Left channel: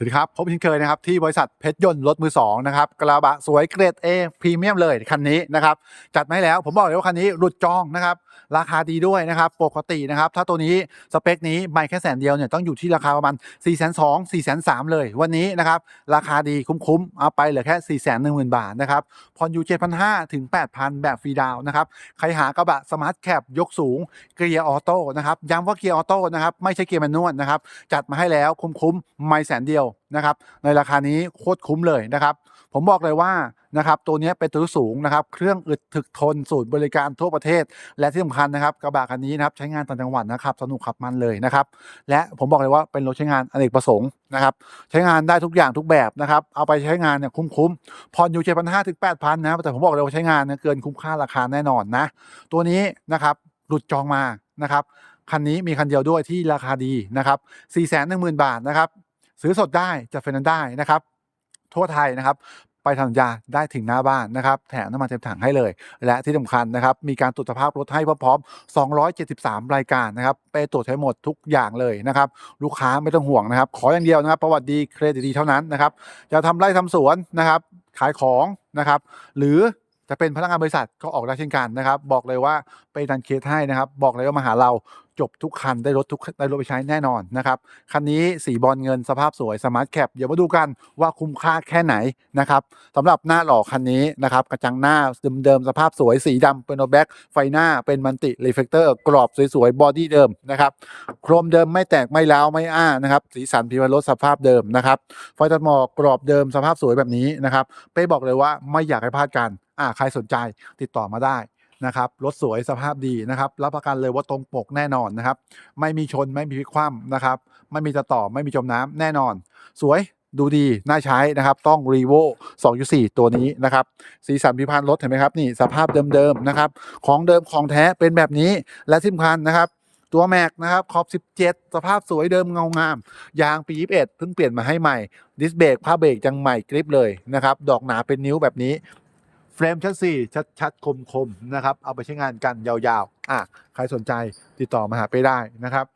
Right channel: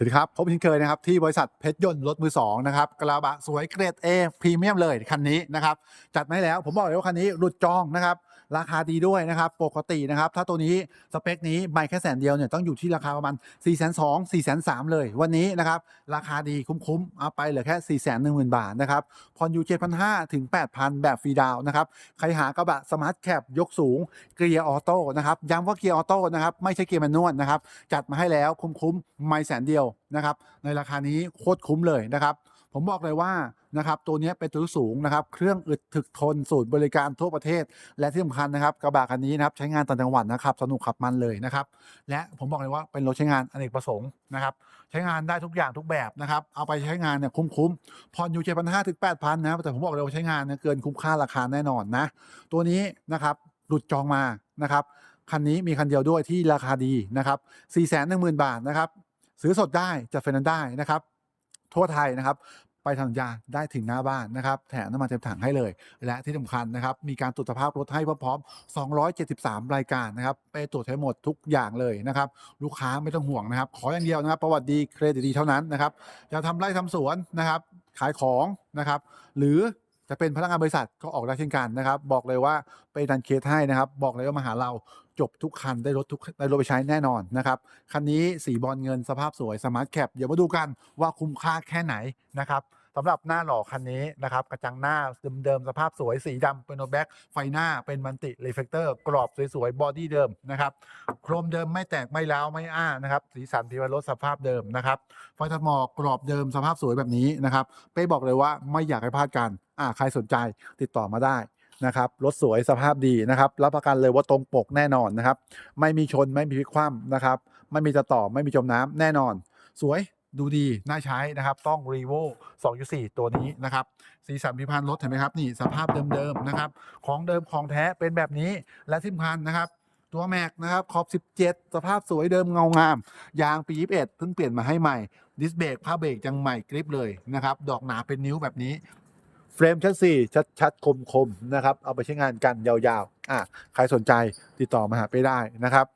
สวัสดีครับ พบเช่นเคยนะครับที่บริษัทเพชรยนต์รถมือสองนะครับกระบะสวยเกรด A พรีเมียมเลยคันนี้นะครับจัดมาให้แล้วผมบอกเลยว่าคันนี้หลุดจองนะครับราคาดีด้วยนะครับปกตินะครับถ้าตัวนี้สเปคนี้ไม่แค่แสนเดียวเนี่ยต้องอยู่ที่ราคาประมาณ4 2 0 0 0 4 3 0 0 0เลย วันนี้นะครับราคาดีคุ้มๆเอาไปเหลือแค่4 1 0 0 0 0บาทนะครับผ่อนอยู่7,500ถึง8,000แบบฟรีดาวน์นะครับใครหากระบะสมาร์ทแคปยกสูงเกียร์ออโต้นะครับย้ำว่าเกียร์ออโต้นะครับไม่ใช่เกียร์แมนนวลนะครับจัดมาให้แล้วคุ้มๆไม่แสนเดียวนะครับในราคานี้โคตรคุ้มเลยนะครับ ผมบอกเลยว่านะครับตัวนี้เป็นตัวสูงนะครับ เครื่องอึดถึกทนสูตรบริการทั่วประเทศ และที่สำคัญนะครับกระบะคันนี้นะครับใช้งานต่างจังหวัดนะครับสนุกขับมันเลยนะครับ และผมบอกเลยว่าเป็นรถใช้งานอเนกประสงค์นะครับใช้งานได้ทุกอย่างทุกแบบนะครับเอาไปใช้งานเนี่ยคุ้มๆผ่อนอยู่เจ็ดพันห้าถึงแปดพันนะแต่ผมบอกเลยว่าใช้งานเนี่ยเกินคุ้มค่าราคาแน่นอนนะตัวนี้นะครับหลุดจองมานะครับคันนี้มีคันเดียวด้วยที่ราคาดีนะครับ4 1 0 0 0 0 บาทนะครับ ซื้อสดได้จัดไฟแนนซ์ได้นะครับ ทั่วไทยนะครับ ไปทำสัญญาได้ถึงหน้าบ้านนะครับ แถมน้ำมันเต็มถังให้เลย และที่สำคัญนะครับ มีการตรวจสภาพรถให้พร้อมๆ273 รายการนะครับ ไปตรวจให้หมดทุกอย่างเลยนะครับ ลูกค้าไม่ต้องห่วงนะครับ ขออย่างเดียวนะครับประวัติดีเครดิตดีเท่านั้นนะครับจะทำไร่ทำสวนนะครับขายของนะครับ หรือจะเป็นพนักงานบริษัทก็ออกได้เช่นกันนะครับ บอกเลยว่าไปดันเคสให้นะครับ บอกเลยว่ามาหาเรา จบทุกคันได้รถทุกได้รถไปใช้แน่นอนนะครับคันนี้สีบอลเงินสภาพสวยสมาร์ทแคปเดี๋ยวมาดูกันว่าคุ้มค่าแค่ไหนนะครับสำหรับหน้าหล่อคันนี้นะครับกระจังหน้าเดิมๆสภาพสวยสีดำเป็นโนแบ็กไฟหน้าเป็นมันติรีเฟกเตอร์กรอบสวยๆบอดี้เดิมนะครับโครมเดิมไม่แตกไม่ร้าวไม่อ้านะครับสีสันพิมพ์รถสภาพเดิมนะครับไฟตัดหมอกกรอบเดิมสภาพสวยแบบนี้นะครับเป้บอกเลยว่าไม่อยากให้พลาดกันอ่าใครสนใจติดต่อมาได้ นะครับรถสวยสภาพดีนะครับรับประกันเลยว่าตรงปกแน่นอนนะครับ ไม่มีชนไม่มีพลิกคว่ำนะครับไม่มีจะต่อไม่มีจมน้ำแน่นอน สวยดูดี น่าใช้นะครับ ต้อง r e v o 2.4 ตัวนี้นะครับ สีสันพิพันธ์รถเห็นไหมครับ นี่สภาพเดิมๆนะครับ ของเดิมของแท้เป็นแบบนี้ และที่สำคัญนะครับ ตัวแม็กนะครับ ขอบ 17 สภาพสวยเดิมเงางาม ยางปี 21 เพิ่งเปลี่ยนมาให้ใหม่ ดิสเบรกผ้าเบรกยังใหม่กริปเลยนะครับ ดอกหนาเป็นนิ้วแบบนี้ เฟรมชัดสี่ชัดชัดคมคมๆนะครับ เอาไปใช้งานกันยาวๆ อะ ใครสนใจติดต่อมาหาไปได้นะครับ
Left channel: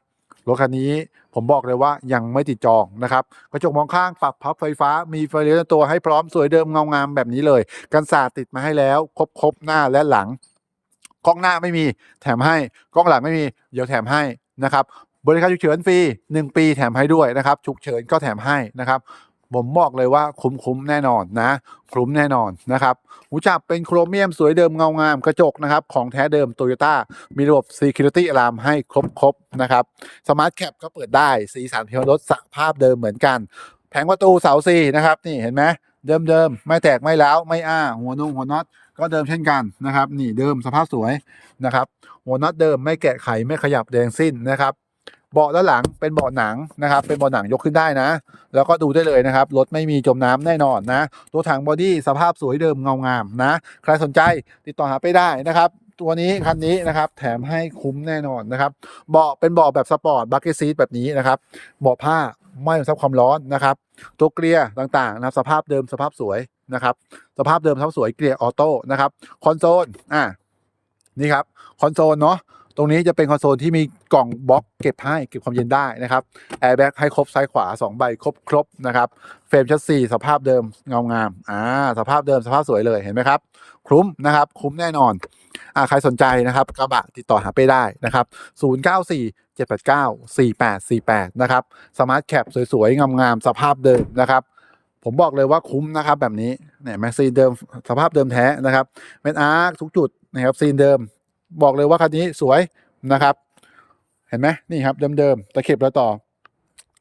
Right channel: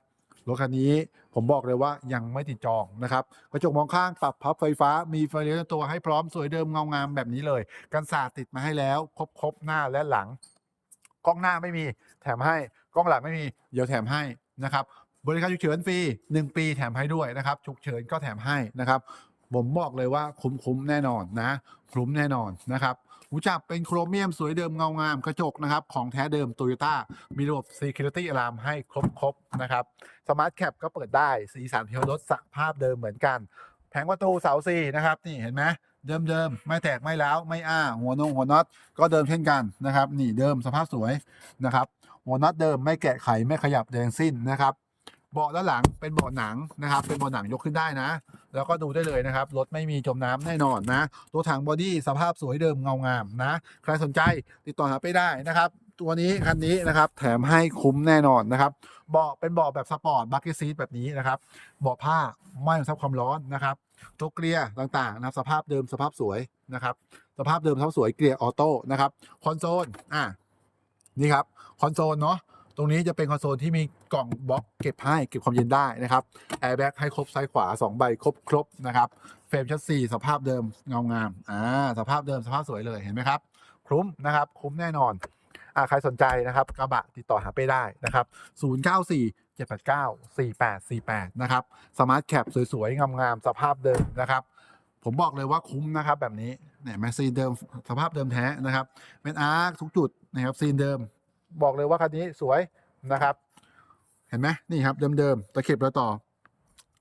รถคันนี้ผมบอกเลยว่ายังไม่ติดจองนะครับกระจกมองข้างปรับพับไฟฟ้ามีไฟเลี้ยวในตัวให้พร้อมสวยเดิมเงางามแบบนี้เลย กันศาสติดมาให้แล้ว ครบครบหน้าและหลังกล้องหน้าไม่มีแถมให้กล้องหลังไม่มีเดี๋ยวแถมให้นะครับบริการฉุกเฉินฟรี 1 ปีแถมให้ด้วยนะครับฉุกเฉินก็แถมให้นะครับ ผมบอกเลยว่าคุ้มคุ้มๆแน่นอนนะ คุ้มแน่นอนนะครับ หูจับเป็นโครเมียมสวยเดิมเงางามกระจกนะครับของแท้เดิมโตโยต้ามีระบบ Security Alarm ให้ครบๆนะครับสมาร์ทแคปก็เปิดได้สีสันพิมพ์รถสภาพเดิมเหมือนกัน แผงประตูเสาซีนะครับนี่เห็นไหมเดิมๆ ไม่แตกไม่แล้วไม่อ้า หัวนงหัวน็อตก็เดิมเช่นกันนะครับ นี่เดิมสภาพสวยนะครับ หัวน็อตเดิมไม่แกะไขไม่ขยับแดงสิ้นนะครับ เบาะด้านหลังเป็นเบาะหนังนะครับ เป็นเบาะหนังยกขึ้นได้นะ แล้วก็ดูได้เลยนะครับ รถไม่มีจมน้ำแน่นอนนะ ตัวถังบอดี้สภาพสวยเดิมเงางามนะ ใครสนใจติดต่อหาไปได้นะครับ ตัวนี้คันนี้นะครับ แถมให้คุ้มแน่นอนนะครับ เบาะเป็นเบาะแบบสปอร์ตบัคเก็ตซีทแบบนี้นะครับ เบาะผ้าไม่ซับความร้อนนะครับ ตัวเกลียร์ต่างๆนะครับสภาพเดิมสภาพสวยนะครับ สภาพเดิมสภาพสวยเกลียร์ออโต้นะครับ คอนโซล อ่านี่ครับ คอนโซลเนาะ ตรงนี้จะเป็นคอนโซลที่มีกล่องบล็อกเก็บให้เก็บความเย็นได้นะครับแอร์แบ็กให้ครบซ้ายขวา 2 ใบครบครบนะครับเฟรมชัดซีสภาพเดิมเงางามอ่าสภาพเดิมสภาพสวยเลยเห็นไหมครับ คุ้มนะครับ คุ้มแน่นอนอ่าใครสนใจนะครับกระบะติดต่อหาไปได้นะครับ 094 789 4848 นะครับสมาร์ทแคปสวยๆ งามๆ สภาพเดิมนะครับ ผมบอกเลยว่าคุ้มนะครับแบบนี้เนี่ยแม็กซีเดิมสภาพเดิมแท้นะครับเม็ดอาร์คทุกจุดนะครับซีนเดิม บอกเลยว่าคันนี้สวยนะครับ เห็นไหมนี่ครับเดิมๆตะเข็บแล้วต่อ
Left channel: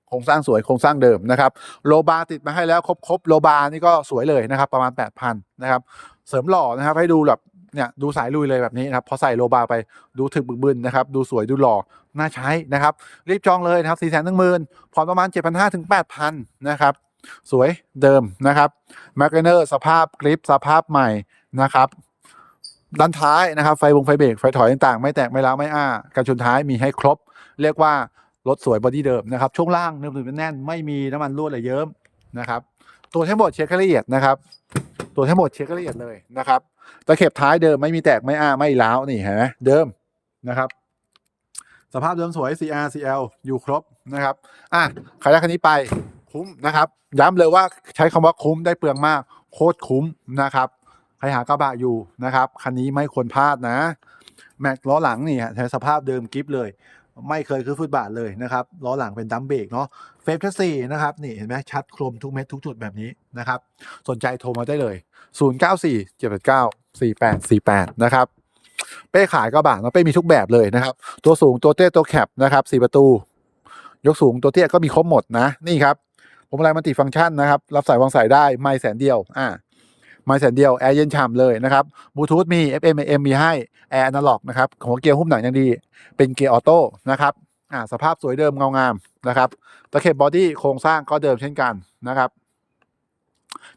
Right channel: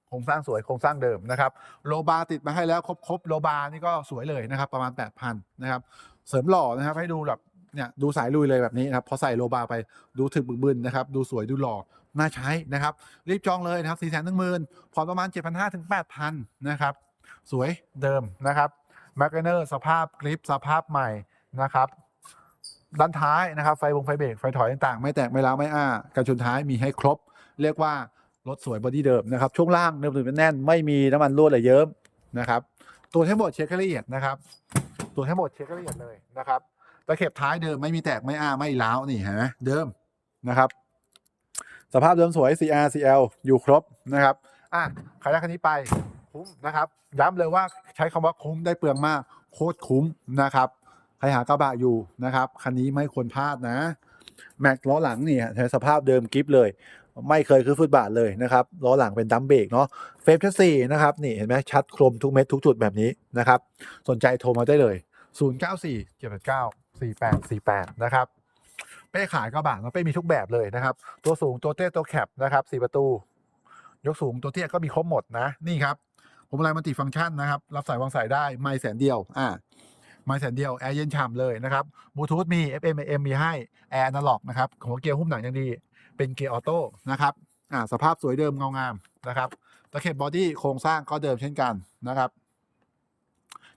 โครงสร้างสวยโครงสร้างเดิมนะครับโลบาร์ติดมาให้แล้วครบครบโลบาร์นี่ก็สวยเลยนะครับ ประมาณ 8,000นะครับเสริมหล่อนะครับให้ดูแบบเนี่ยดูสายลุยเลยแบบนี้นะครับพอใส่โลบาร์ไปดูถึกบึกบึนนะครับดูสวยดูหล่อน่าใช้นะครับรีบจองเลยนะครับ4 1 0 0 0 0ผ่อนประมาณ 7,500ถึง8,000นะครับสวยเดิมนะครับแมกเนอร์สภาพกริปสภาพใหม่นะครับ ด้านท้ายนะครับ ไฟวงไฟเบรกไฟถอยต่างๆ ไม่แตกไม่ร้าวไม่อ้ากันชนท้ายมีให้ครบ เรียกว่ารถสวยบอดี้เดิมนะครับ ช่วงล่างเนิบๆแน่น ไม่มีน้ำมันรั่วไหลเยิ้มนะครับตัวทั้งหมดเช็คละเอียดนะครับ ตัวทั้งหมดเช็คละเอียดเลยนะครับตะเข็บท้ายเดิมไม่มีแตกไม่อ้าไม่ร้าวนี่เห็นไหมเดิมนะครับ สภาพเดิมสวย CR CL อยู่ครบนะครับอะใครได้คันนี้ไปคุ้มนะครับ ย้ำเลยว่าใช้คำว่าคุ้มได้เปลืองมาก โคตรคุ้มนะครับ ใครหากระบะอยู่นะครับ คันนี้ไม่ควรพลาดนะ แม็กล้อหลังนี่ฮะใช้สภาพเดิมกิฟเลย ไม่เคยขึ้นฟุตบาทเลยนะครับล้อหลังเป็นดัมเบรกเนาะเฟรมแชสซีนะครับนี่เห็นไหมชัดคมทุกเม็ดทุกจุดแบบนี้นะครับ สนใจโทรมาได้เลย 094 789 4848 นะครับ เป้ขายกระบะเนาะเป้มีทุกแบบเลยนะครับ ตัวสูงตัวเตี้ยตัวแคปนะครับสี่ประตู ยกสูงตัวเตี้ยก็มีครบหมดนะนี่ครับผมอะไรมันติฟังก์ชันนะครับ รับสายวางสายได้ไม่แสนเดียว อ่า ไม่แสนเดียวแอร์เย็นฉ่ำเลยนะครับบลูทูธมี FM AM มีให้แอร์อนาล็อกนะครับของเกียร์หุ้มหนังยังดี เป็นเกียร์ออโต้นะครับอ่าสภาพสวยเดิมเงางามนะครับตะเข็บบอดี้โครงสร้างก็เดิมเช่นกันนะครับ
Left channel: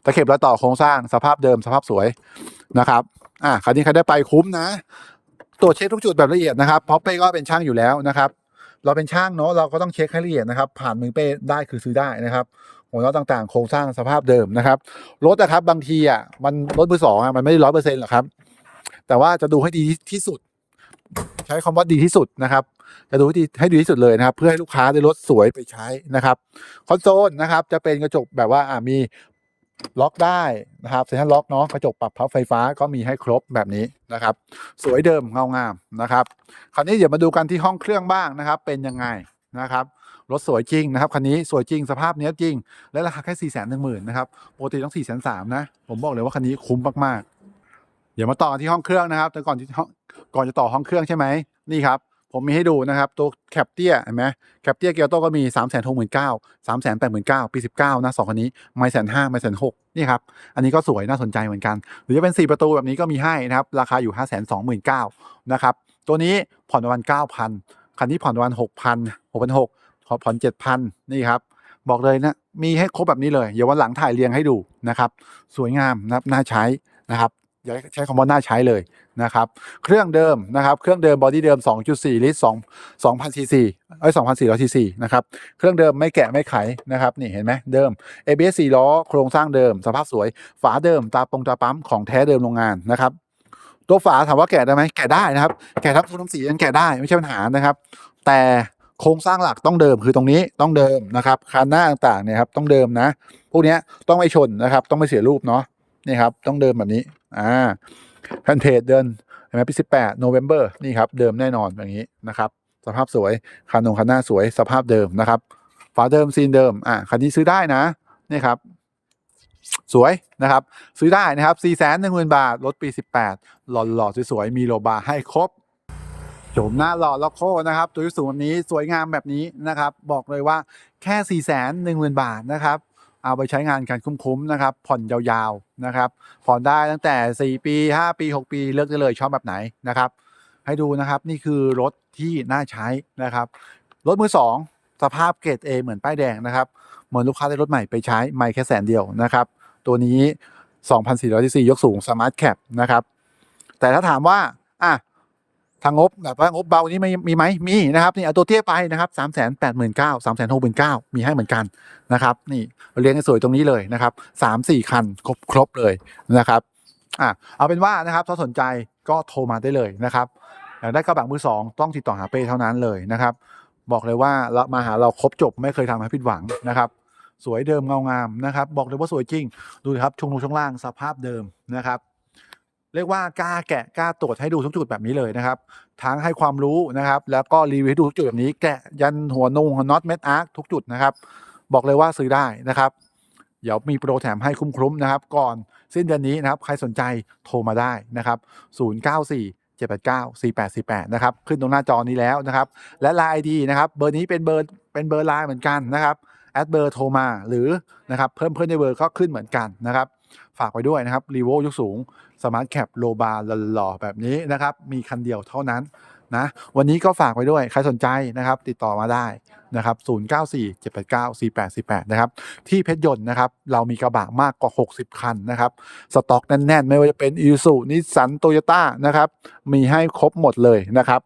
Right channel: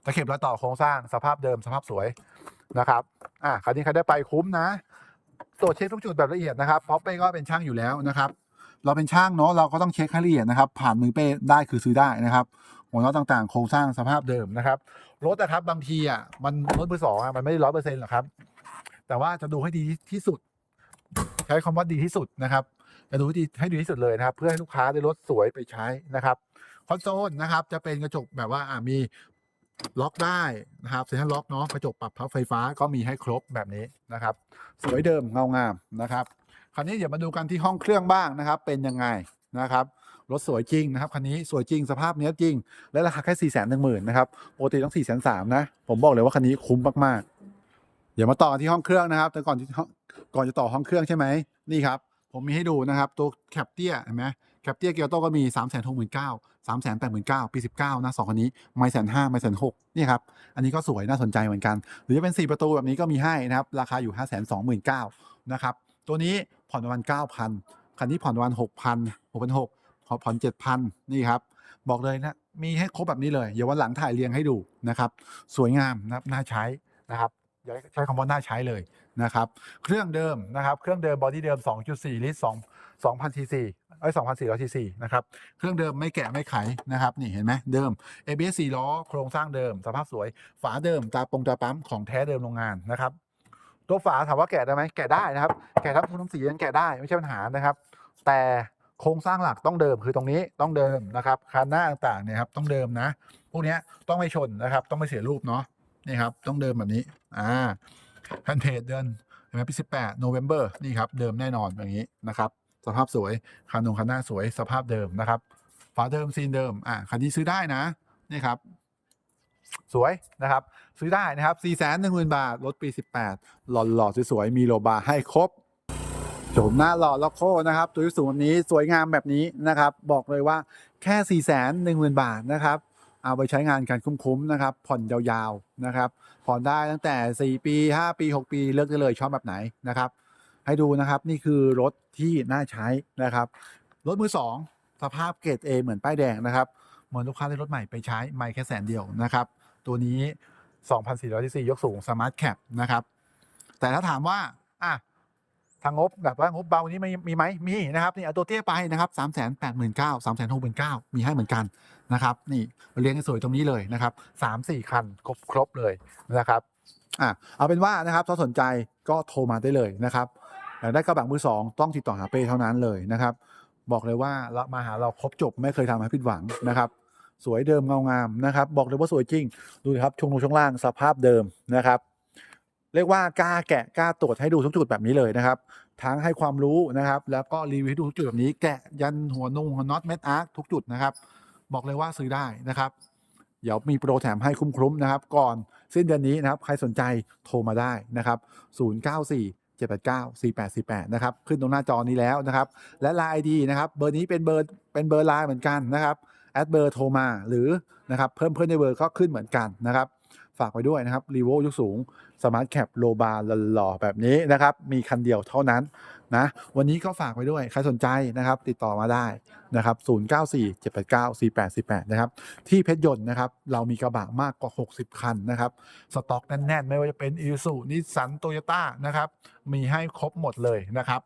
ตะเข็บและต่อโครงสร้างสภาพเดิมสภาพสวยนะครับอ่าคันนี้ใครได้ไปคุ้มนะตรวจเช็คทุกจุดแบบละเอียดนะครับเพราะเป้ก็เป็นช่างอยู่แล้วนะครับ เราเป็นช่างเนาะเราก็ต้องเช็คให้ละเอียดนะครับ ผ่านมือเป้ได้คือซื้อได้นะครับ หัวน็อตต่างๆ โครงสร้างสภาพเดิมนะครับรถนะครับบางทีอะมันรถมือสองอะมันไม่ได้ร้อยเปอร์เซ็นต์หรอกครับ แต่ว่าจะดูให้ดีที่สุด ใช้คำว่าดีที่สุดนะครับ จะดูให้ดีให้ดีที่สุดเลยนะครับ เพื่อให้ลูกค้าได้รถสวยไปใช้นะครับคอนโซลนะครับ จะเป็นกระจกแบบว่าอ่ามีล็อกได้นะครับเซ็นทรัลล็อกเนาะกระจกปรับพับไฟฟ้าก็มีให้ครบแบบนี้นะครับ สวยเดิมเงางามนะครับ คราวนี้เดี๋ยวมาดูกันที่ห้องเครื่องบ้างนะครับ เป็นยังไงนะครับ รถสวยจริงนะครับคันนี้สวยจริงสภาพเนี้ยจริง และราคาแค่สี่แสนหนึ่งหมื่นนะครับปกติต้องสี่แสนสามนะ ผมบอกเลยว่าคันนี้คุ้มมากๆ เดี๋ยวมาต่อที่ห้องเครื่องนะครับ แต่ก่อนที่ก่อนจะต่อห้องเครื่องใช่ไหมนี่ครับผมมีให้ดูนะครับ ตัวแคปเตียเห็นไหมแคปเตียเกียวโตก็มี3ามแสนหกหมื่นเก้าสามแสนแปดหมื่นเก้าปีสิบเก้านะสองคันนี้ไม่แสนห้าไม่แสนหกนี่ครับ อันนี้ก็สวยน่าสนใจเหมือนกัน หรือจะเป็น 4 ประตูแบบนี้ก็มีให้นะครับ ราคาอยู่ 5 2 9 0 0 0นะครับ ตัวนี้ผ่อนประมาณ9,000 คันนี้ผ่อนประมาณ6,000 6,600 ผ่อน7,000นี่ครับ บอกเลยนะ มีให้ครบแบบนี้เลย เดี๋ยววันหลังถ่ายเรียงให้ดูนะครับ สวยงามนะครับน่าใช้นะครับอย่าใช้คำว่าน่าใช้เลยนะครับ เครื่องเดิมนะครับ เครื่องเดิมบอดี้เดิม 2.4 ลิตร2 2,000ซีซีเอ้ย2,400ซีซีนะครับ เครื่องเดิมไม่แกะไม่ไขนะครับ นี่เห็นไหมเดิม ABS 4ล้อ โครงสร้างเดิม สภาพสวย ฝาเดิม ตาปงตาปั๊มของแท้เดิมโรงงานนะครับ ตัวฝาถามว่าแกะได้ไหมแกะได้นะครับ แกะทับทุนทั้งสียังแกะได้ไม่ใช่ปัญหานะครับ แต่ โครงสร้างหลักต้องเดิมคือตรงนี้ต้องเดิมนะครับคานหน้าต่างๆเนี่ยครับต้องเดิมนะ พวกนี้ต้องไม่ชนนะครับ ต้องไม่เสียรูปเนาะนี่ครับต้องเดิมแบบนี้อ่าแพนเทจเดินเห็นไหมปีสิบแปดโนเวม ber นี่ครับเดิมแน่นอนแบบนี้นะครับ สภาพสวยคานงคันหน้าสวยสภาพเดิมนะครับฝาเดิมซีนเดิมอ่าคันนี้ซื้อได้นะนี่ครับสวยนะครับ ซื้อได้นะครับ4 1 0 0 0 0บาท รถปี 18 หล่อหล่อๆสวยๆมีโลบาให้ครบ โฉมหน้าหล่อล็อกโคนะครับ ตัวยุสูงแบบนี้สวยงามแบบนี้นะครับ บอกเลยว่าแค่4 1 0 0 0 0บาทนะครับ เอาไปใช้งานกันคุ้มๆนะครับ ผ่อนยาวๆนะครับ ผ่อนได้ตั้งแต่ 4 ปี 5 ปี 6 ปีเลือกได้เลยชอบแบบไหนนะครับ ให้ดูนะครับนี่คือรถที่น่าใช้นะครับ รถมือสองสภาพเกรด A เหมือนป้ายแดงนะครับ เหมือนลูกค้าได้รถใหม่ไปใช้ไม่แค่แสนเดียวนะครับ ตัวนี้ 2,400ซีซียกสูง Smart Cap นะครับ แต่ถ้าถามว่าอะ ทางงบแบบว่างบเบานี้มีมีไหมมีนะครับนี่เอาตัวเตี้ยไปนะครับ3 8 9 0 0 0 3 6 9 0 0 0มีให้เหมือนกันนะครับนี่เรียงสวยตรงนี้เลยนะครับ3 4คันครบครบเลยนะครับอะเอาเป็นว่านะครับถ้าสนใจก็โทรมาได้เลยนะครับอยากได้กระบะมือสองต้องติดต่อหาเป้เท่านั้นเลยนะครับ บอกเลยว่าเรามาหาเราครบจบไม่เคยทำให้ผิดหวังนะครับ สวยเดิมเงางามนะครับ บอกเลยว่าสวยจริง ดูครับชงลงช่วงล่างสภาพเดิมนะครับ เรียกว่ากล้าแกะกล้าตรวจให้ดูทุกจุดแบบนี้เลยนะครับ ทั้งให้ความรู้นะครับ แล้วก็รีวิวให้ดูทุกจุดแบบนี้ แกะยันหัวนงหัวน็อตเม็ดอาร์คทุกจุดนะครับ บอกเลยว่าซื้อได้นะครับ เดี๋ยวมีโปรแถมให้คุ้มๆนะครับ ก่อนสิ้นเดือนนี้นะครับ ใครสนใจโทรมาได้นะครับ 094 789 4848 นะครับ ขึ้นตรงหน้าจอนี้แล้วนะครับ และ Line ID นะครับ เบอร์นี้เป็นเบอร์เป็นเบอร์ไลน์เหมือนกันนะครับแอดเบอร์โทรมาหรือนะครับเพิ่มเพื่อนในเบอร์ก็ขึ้นเหมือนกันนะครับ ฝากไว้ด้วยนะครับรีโวยกสูงสมาร์ทแคปโลบาร์หล่อๆแบบนี้นะครับ มีคันเดียวเท่านั้นนะวันนี้ก็ฝากไว้ด้วย ใครสนใจนะครับ ติดต่อมาได้นะครับ094 789 4848 นะครับ ที่เพชรยนต์นะครับ เรามีกระบะมากกว่า 60 คันนะครับ สต็อกแน่น ๆ ไม่ว่าจะเป็นอีซูนิสสันโตโยต้านะครับ มีให้ครบหมดเลยนะครับ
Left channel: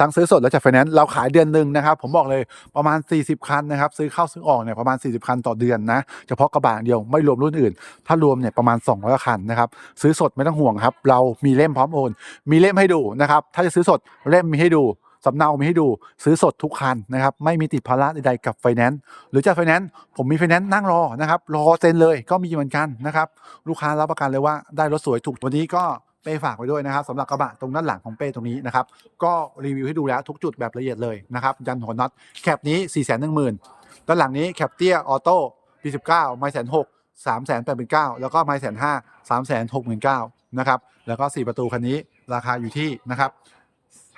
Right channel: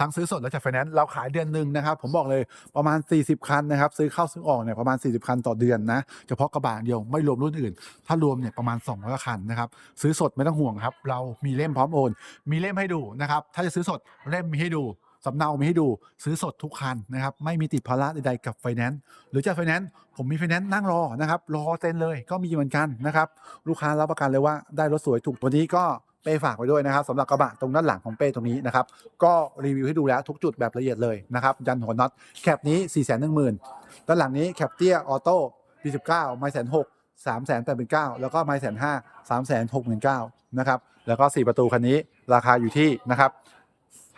ทั้งซื้อสดและจัดไฟแนนซ์เราขายเดือนหนึ่งนะครับ ผมบอกเลยประมาณ 40 คันนะครับ ซื้อเข้าซื้อออกเนี่ยประมาณ 40 คันต่อเดือนนะเฉพาะกระบะอย่างเดียวไม่รวมรุ่นอื่น ถ้ารวมเนี่ยประมาณ 200 คันนะครับซื้อสดไม่ต้องห่วงครับ เรามีเล่มพร้อมโอน มีเล่มให้ดูนะครับ ถ้าจะซื้อสดเล่มมีให้ดูสำเนามีให้ดูซื้อสดทุกคันนะครับไม่มีติดภาระใดๆกับไฟแนนซ์หรือจัดไฟแนนซ์ผมมีไฟแนนซ์นั่งรอนะครับรอเซ็นเลยก็มีเหมือนกันนะครับลูกค้ารับประกันเลยว่าได้รถสวยถูกวันนี้ก็ เป้ฝากไว้ด้วยนะครับสำหรับกระบะตรงด้านหลังของเป้ตรงนี้นะครับก็รีวิวให้ดูแล้วทุกจุดแบบละเอียดเลยนะครับยันหัวน็อตแคปนี้4 1 0 0 0 0ด้านหลังนี้แคปเตี้ยออโต้ปี19ไม่แสนหกสามแสนแปดหมื่นเก้าแล้วก็ไม่แสนห้าสามแสนหกหมื่นเก้านะครับแล้วก็ 4 ประตูคันนี้ราคาอยู่ที่นะครับ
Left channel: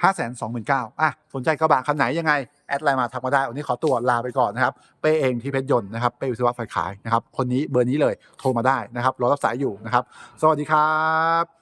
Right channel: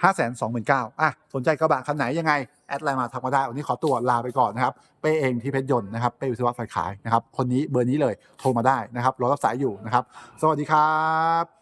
ห้าแสนสองหมื่นเก้าอะ สนใจกระบะคันไหนยังไง แอดไลน์มาทักมาได้ วันนี้ขอตัวลาไปก่อนนะครับ เป้เองที่เพชรยนต์นะครับ เป้วิศวะไฟขายนะครับ คนนี้เบอร์นี้เลยโทรมาได้นะครับ รอรับสายอยู่นะครับ สวัสดีครับ